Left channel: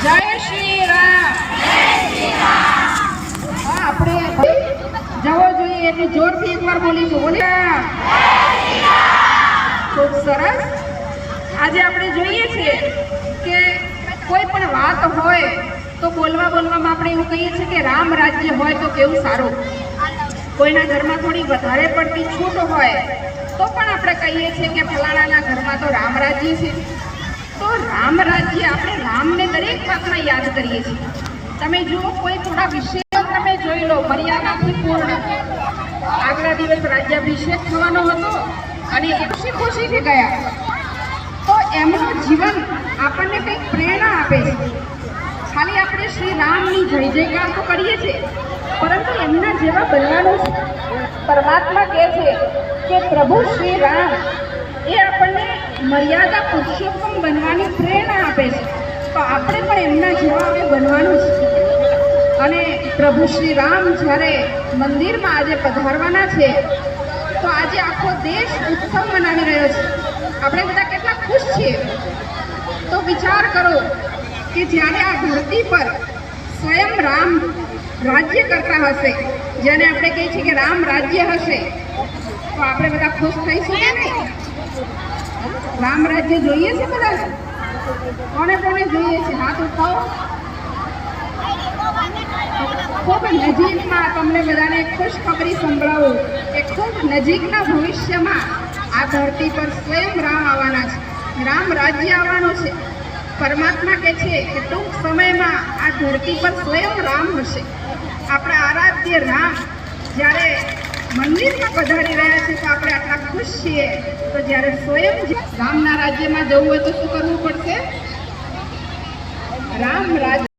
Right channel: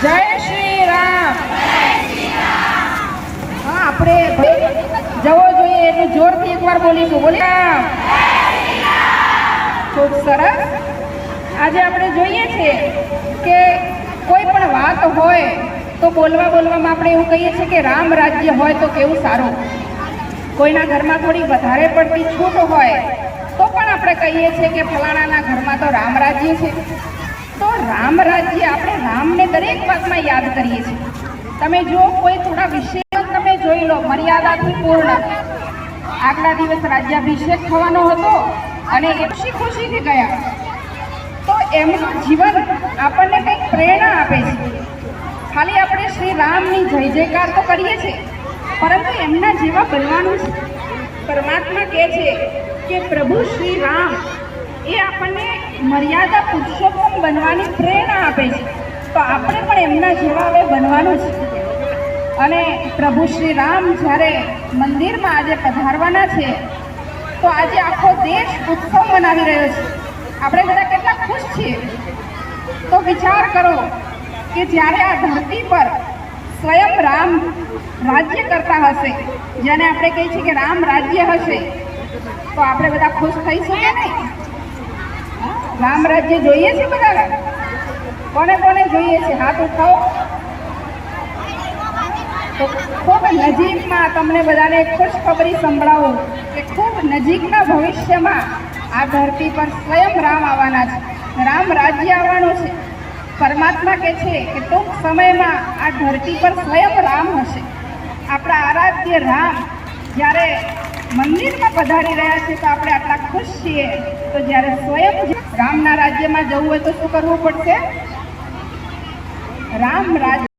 જય શ્રી રામ। હા, આપણે જવો જોઈએ એટલું જોરથી એકવાર બોલીશું। બોલી ખૂબ સરસ। આજે આપણે જોઈએ છે કે કોઈ પણ વાત હોય તો બોલવામાં આપણે એવું કહીએ છીએ કે રામ રાજ્ય હોય તો કેવું સારું। કોઈના ઘરમાં થોડી વધારે પડતી છૂટ હોય તો પણ આપણે કહીએ છીએ કે ફલાણાના ઘરમાં તો રામ રાજ્ય છે। તો રામ રાજ્ય આપણે રામને દરેક વાતમાં યાદ કરીએ છીએ। તમે જો કોઈ થોડા વિષયો તમે જોઈ લો મર્યાદાથી પૂર્ણ। આગલા દિવસ રાજ્યાભિષેક થવાનો હતો અને એ ખુશીથી ગયા, તો એમનું જીવન આપણને કંઈક પ્રેરણા આપે છે। ખાલી આપણે શ્રી રામની જય જયકાર તો કરીએ છીએ, પરંતુ એમના જેવા બનવાનું છે। પરમાત્મા કહે છે કે પ્રભુ શ્રી રામ એ આપણને મર્યાદા પુરુષોત્તમ બનવાની પ્રેરણા આપે છે। તો આપણે પણ એમના જેવા હવે બનવાનું છે। અને પ્રભુ શ્રી રામ જ્યારે મંદિરમાં આજે પધારવાના છે તો આજે આખો દેશ ઉત્સવ મનાવી રહ્યો છે। આપણે બધા કેટલા ખુશ છીએ। તો વિચાર કરો કે જ્યારે આ ધરતી પર સ્વયં રામ રાજ્ય કરતા હશે, જેને આપણે કહીએ છીએ કે રામ રાજ્ય હશે, તો આપણે બધા ખુશ થઈશું કે નહીં? રામ રાજ્ય જોઈએ છે બધાને? કોને કોને જોઈએ છે? હાથ ઉઠાવો। ખૂબ નજીકમાં તમને બધાને એક ખુશખબરી સંભળાવું કે ખૂબ નજીકના ભવિષ્યમાં આ ધરતી પર સ્વયં રામ આવવાના છે। રામ રાજ્ય આવવાનું છે। પરમાત્મા કહે છે કે ટૂંક સમયમાં આ ધરતી પર સ્વયં રામ હશે। આપણા આરાધ્ય રામ જ્યારે મંદિરમાં પધારી રહ્યા છે તો આપણે આટલા ખુશ છીએ। તો જ્યારે સ્વયં રામના રાજ્યમાં જવું હોય તો શું કરવું પડશે? રામ રાજ્ય